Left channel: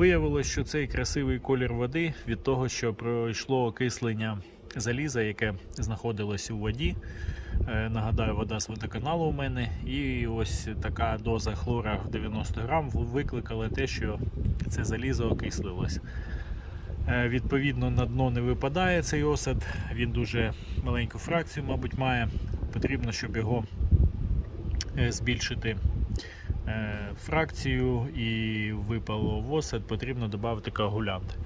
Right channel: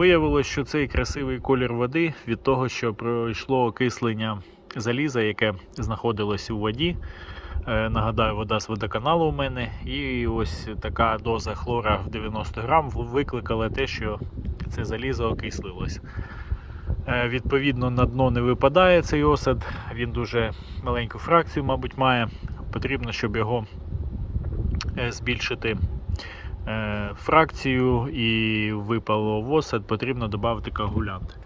Виявилось, що цей красивий колір води від того, що пройшло окислення заліза, яке знаходилось у воді. Е, Нагадаю, вода з водоканалу у мене. І ось така доза хлора в 90 грам викликала те, що це залізо окислилось. Е, Відповідно, на дно не випадає цей осад, він дуже маленьку фракцію, мабуть, має. Потрібно, щоб його е, збільшити фракцію і випало в осад, потрібно додати коагулянт.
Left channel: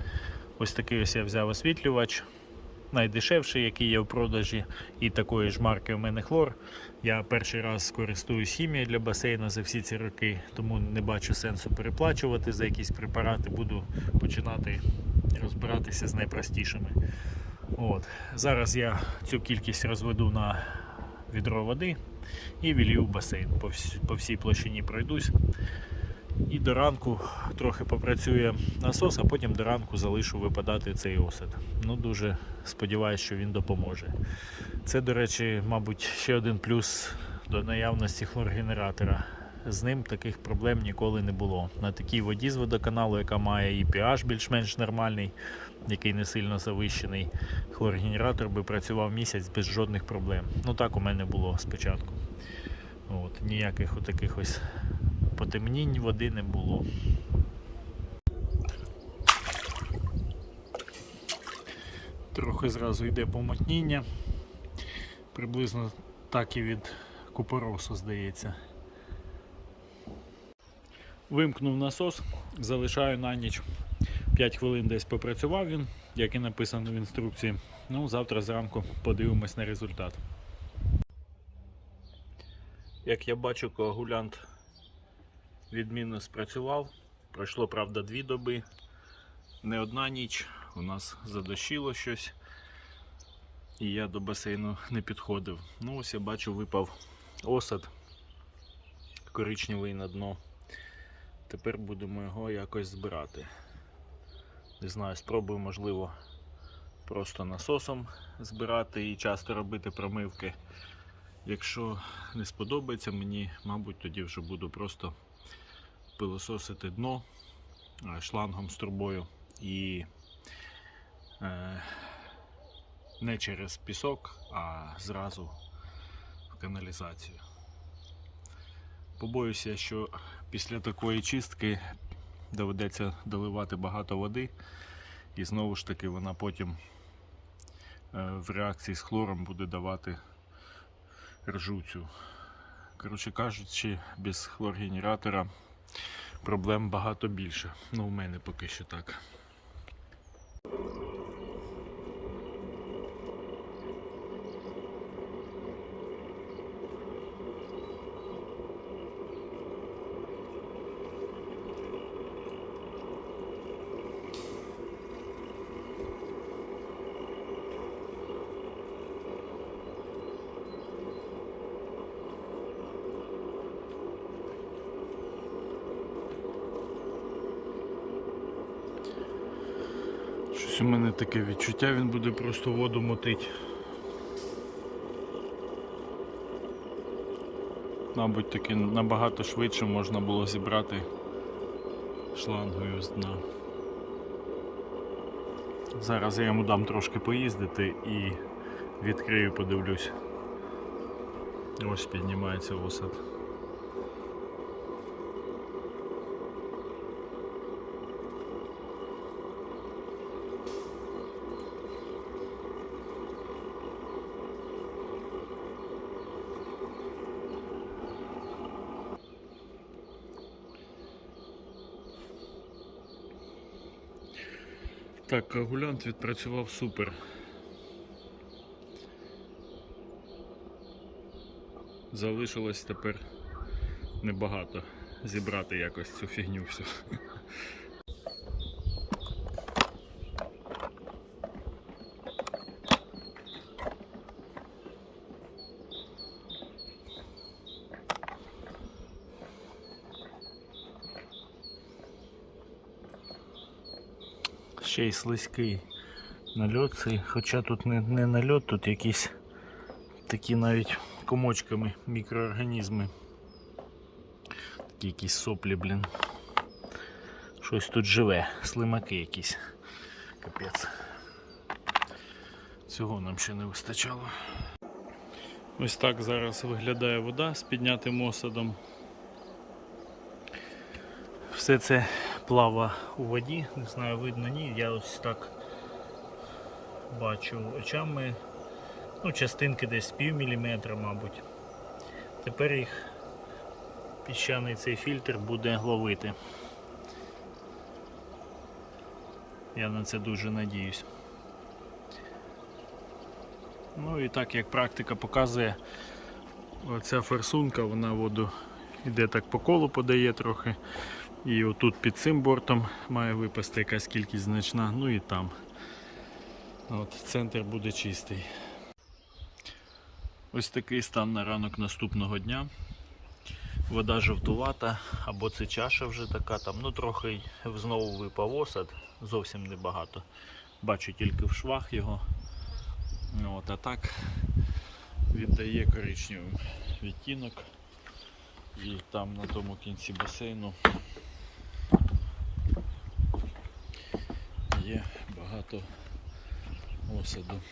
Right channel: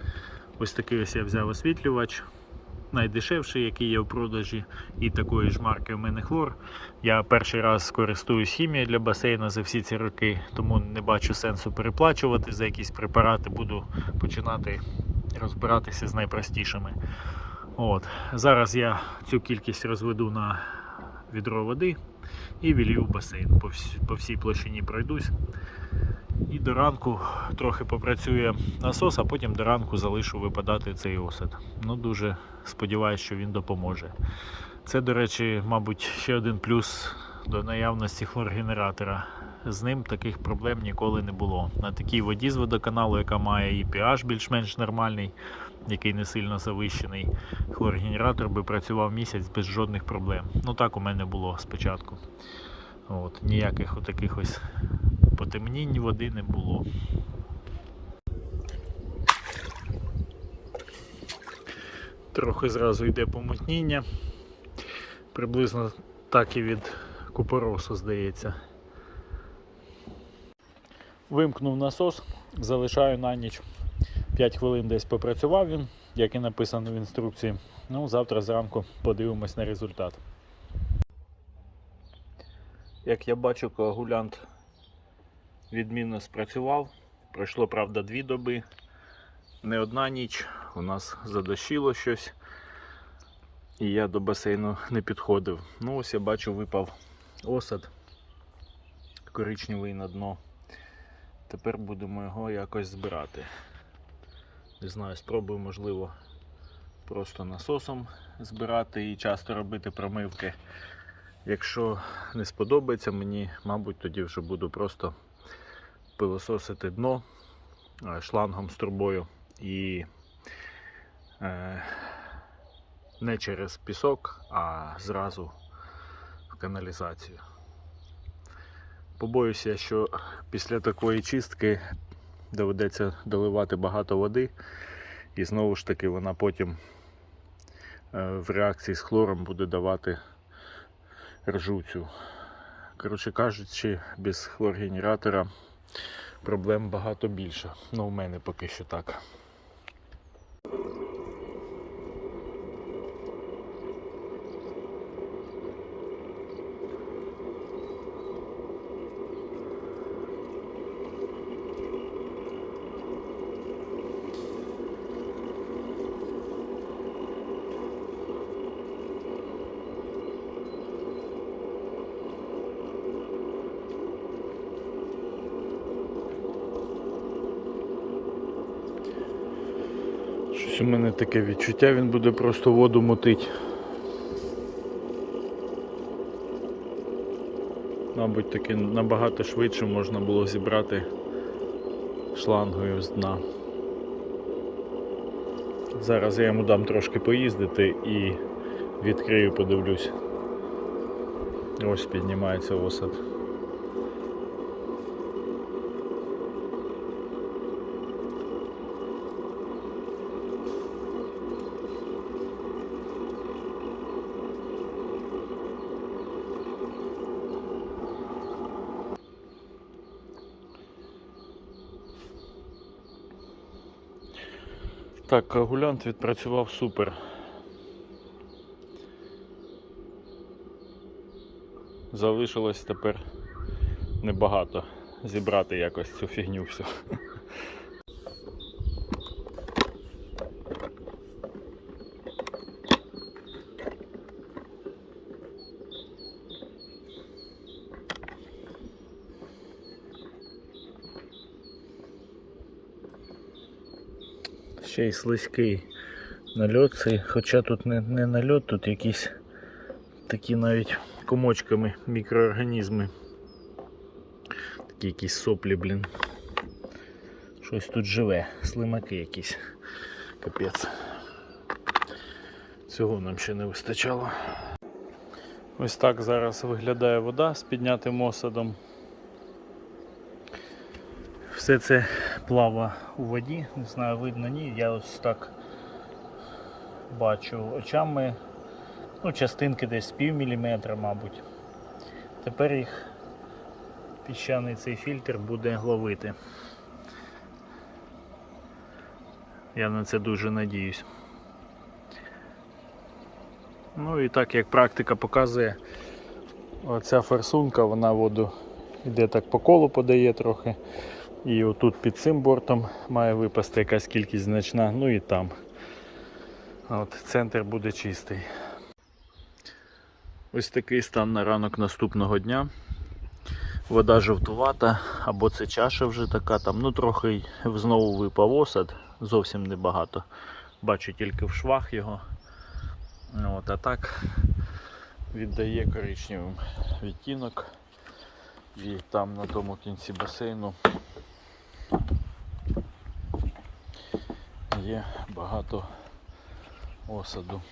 Ось такий ось я взяв освітлювач, найдешевший, який є в продажі, і такої ж марки у мене хлор. Я перший раз користуюсь хімією для басейну за всі ці роки, тому не бачу сенсу переплачувати за якісь препарати. Буду починати розбиратися з найпростішими. От. Зараз я цю кількість розведу на відро води і вілью в басейн. По всій площині пройдусь. І до ранку трохи попрацює насос, а потім до ранку залишу випадати цей осад. Ну, дуже сподіваюся, що він допоможе. Це, до речі, мабуть, ще один плюс до наявності хлоргенератора. З ним таких проблем ніколи не було. На такій воді з водоканалу, яка має і pH більш-менш нормальний, який не сильно завищений, хлоргенератор би працював місяць без жодних проблем. Ну так у мене було спочатку. От, ніяких отаких ось потемнінь води не було. Трохи зразу йде помутніння. Приблизно так і від купоросу, здається. Вимкнув насос, залишаю на ніч 5 хвилин десь попрацював він, як і написано в інструкції. Ну, завтра зранку подивимось на результат. Як я бачу, коагулянт відмінно спрацював. Пройшло, правда, дві доби. Не одна ніч. У нас задощило щось. І я до басейну не підходив. Ну, ось я бачу, випав осад коричневий на дно. Тепер будемо його якось збирати. Не знаю, спробую, можливо, просто насосом збирати і часто робити промивки. Якщо не сподобається мені, мабуть, тоді вже буду просто пилососити дно е, шлангом з трубою і е, не через пісок, а зразу в каналізацію. Побоюся, що після такої чистки доведеться доливати багато води, і знову ж таки вона потім е, в реакції з хлором буде давати ржуцю. Коротше кажучи, без хлоргенератора проблем багато більше. Ну, у мене поки що так. Щось у мене таке відчуття, він буде просто воду мутить. Мабуть, таки набагато швидше можна було зібрати шлангою з дна. Зараз я йому дам трошки поїздити і відкрию, подивлюсь. Ось піднімається осад. Так, коагулянт відпрацював супер. Залишилось тепер небагато зібрати якось цю фігню всю. Ще й слизький нальот цей, хоча тут не, не нальот, тут якісь такі навіть комочками мікроорганізми. Такі якісь соплі, блін. Щось тут живе, слимаки якісь. Капець. Цього нам ще не вистачало. Ось так зараз виглядає вода з піднятим осадом. Все це плава у воді, не знаю, видно ні. Я ось так бачу очами. Ну, частинки десь пів міліметра, мабуть. Тепер їх піщаний цей фільтр буде ловити. Я на це дуже надіюсь. Ну і так як практика показує, оця форсунка, вона воду йде так по колу подає трохи. І отут під цим бортом має випасти якась кількість значна, ну і там. От центр буде чистий. Ось такий стан на ранок наступного дня. Вода жовтувата, або це чаша вже така, там ну трохи знову випав осад, зовсім небагато. Бачу тільки в швах його. Ну, От, а так віддає коричневим відтінок. І там на тому кінці басейну є багато осаду.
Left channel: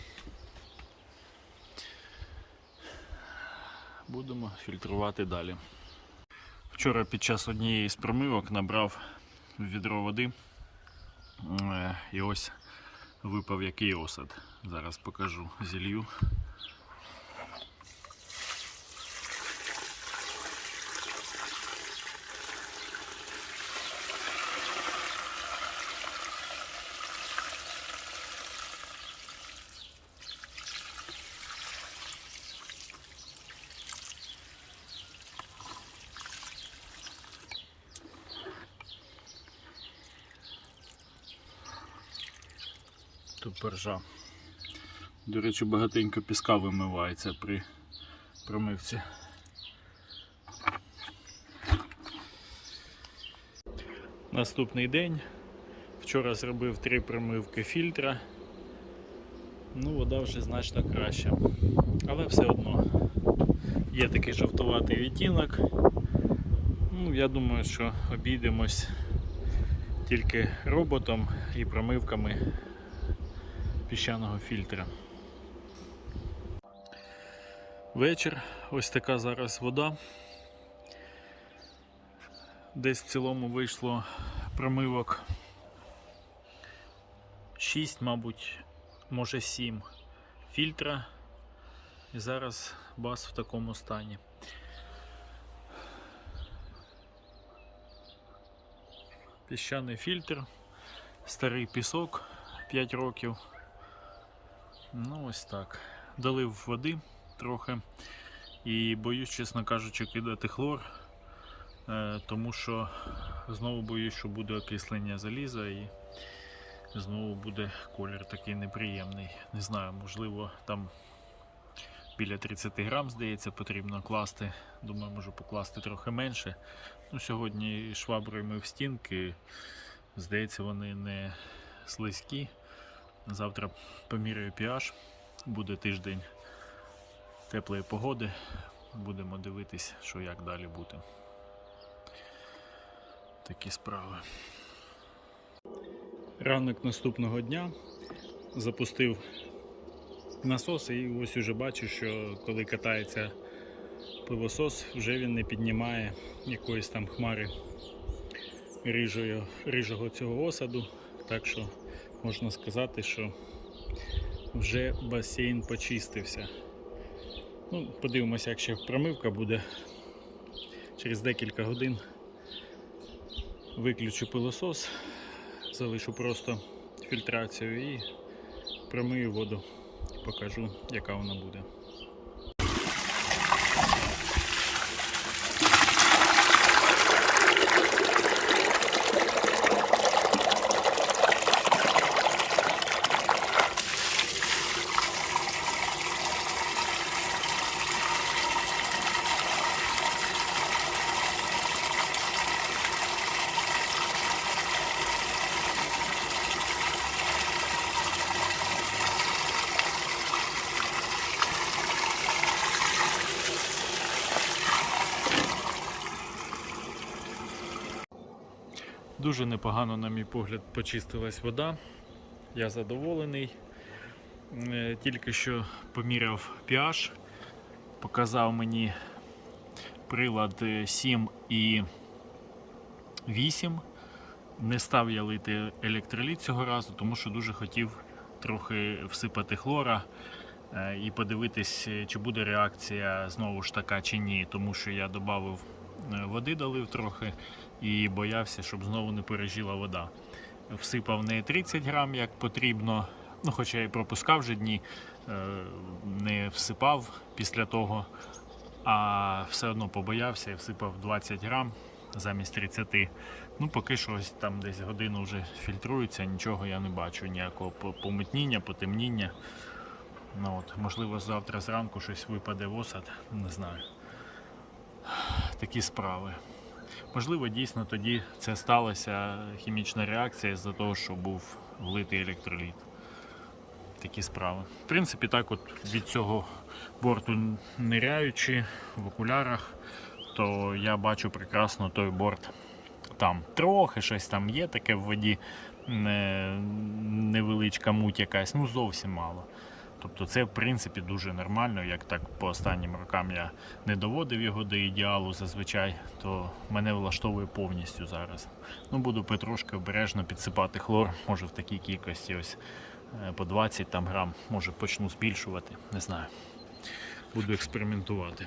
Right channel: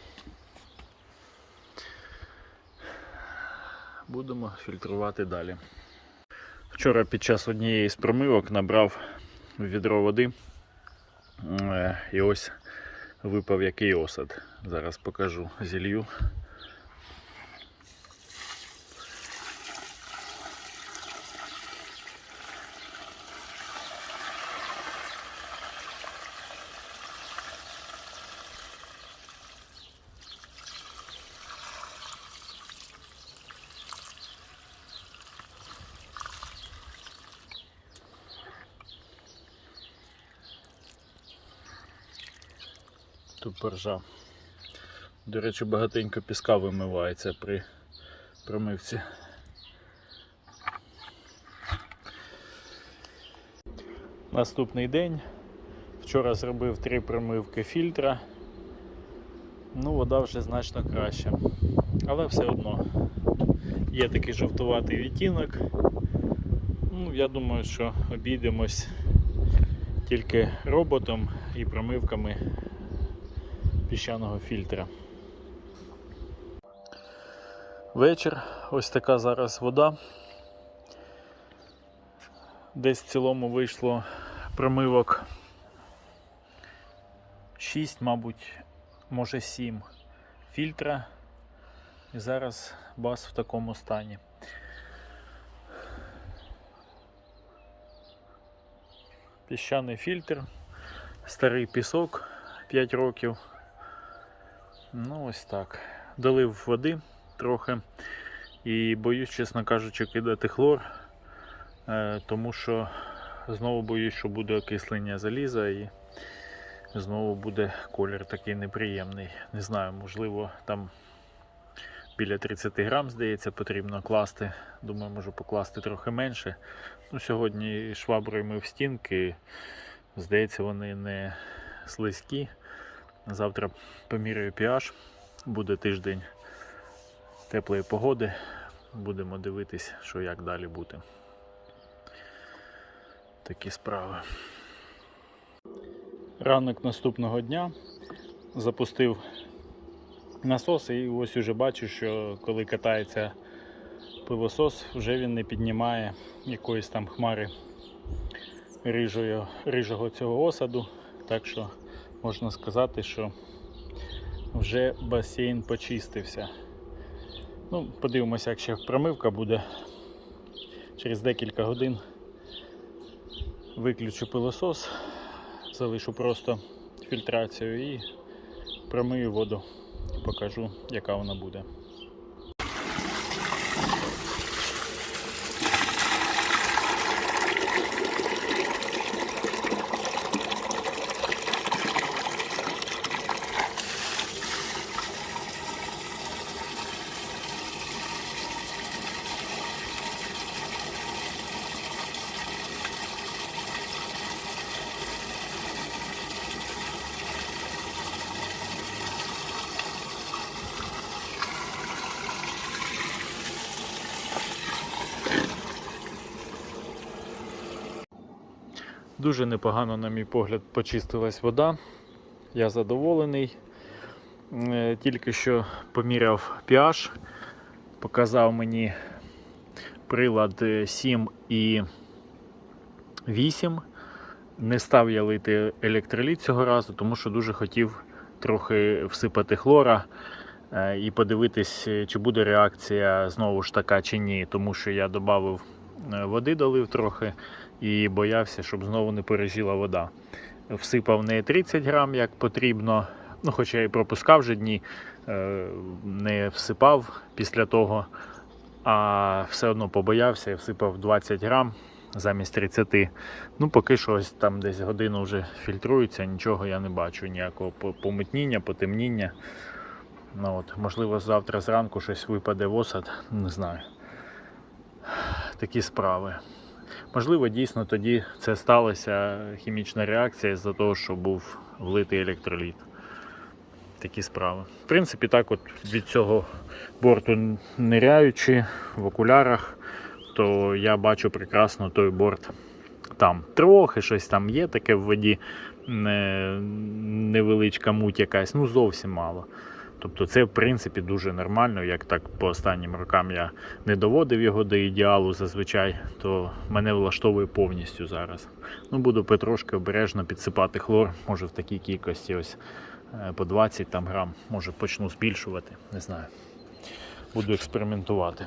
Будемо фільтрувати далі. Вчора під час однієї з промивок набрав відро води е, і ось випав який осад. Зараз покажу зілью. Тут поржа. До речі, багатенько піска вимивається при промивці. Наступний день. Вчора зробив три промивки фільтра. Ну, вода вже значно краща. Але все одно є такий жовтуватий відтінок. Ну, я думаю, що обійдемось тільки роботом і промивками піщаного фільтра. Вечір, ось така зараз вода. Десь в цілому вийшло промивок 6, мабуть, може 7 фільтра. І зараз бас в такому стані. Піщаний фільтр, старий пісок 5 років. Ну, ось так. Долив води трохи. І боюсь, чесно кажучи, кидати хлор, е, тому що знову боюсь, що буде окислення заліза і знову буде колір такий неприємний. Не знаю, можливо, там біля 30 грам, здається, потрібно класти. Думаю, можу покласти трохи менше. Ну, Сьогодні шваброю мив стінки. Здається, вони не слизькі. Завтра поміряю pH, буде тиждень теплої погоди. Будемо дивитись, що як далі бути. Такі справи. Ранок наступного дня запустив насос і ось уже бачу, що коли катається пилосос, вже він не піднімає якоїсь там хмари рижого, рижого цього осаду. Так що можна сказати, що вже басейн почистився. Ну, Подивимося, як ще промивка буде. Через декілька годин виключу пилосос, залишу просто фільтрацію і промию воду. Покажу, яка вона буде. Дуже непогано, на мій погляд, почистилась вода. Я задоволений. Е, Тільки що поміряв pH, показав мені прилад е, 7 і 8. Не став я лити електроліт цього разу, тому що дуже хотів трохи всипати хлора е, і подивитись, е, чи буде реакція знову ж така чи ні. Тому що я додав води, долив трохи і боявся, щоб знову не пережила вода. Всипав не 30 грам, як потрібно, ну, хоча і пропускав вже дні, е, не всипав після того, а все одно побоявся і всипав 20 грам замість 30. Ну, поки що ось там десь годину вже фільтрується, нічого я не бачу, ніякого по- помутніння, потемніння. Ну, от, можливо, завтра зранку щось випаде в осад, не знаю. Такі справи. Можливо, дійсно тоді це сталося хімічна реакція з-за того, що був влитий електроліт. Такі справи. В принципі, так от від цього борту ниряючи в окулярах, то я бачу прекрасно той борт там. Трохи щось там є таке в воді, невеличка муть якась, ну зовсім мало. Тобто це в принципі дуже нормально, як так по останнім рокам я не доводив його до ідеалу зазвичай, то мене влаштовує повністю зараз. Ну, буду потрошки обережно підсипати хлор, може в такій кількості ось е, по 20 там грам, може почну збільшувати, не знаю. Буду експериментувати.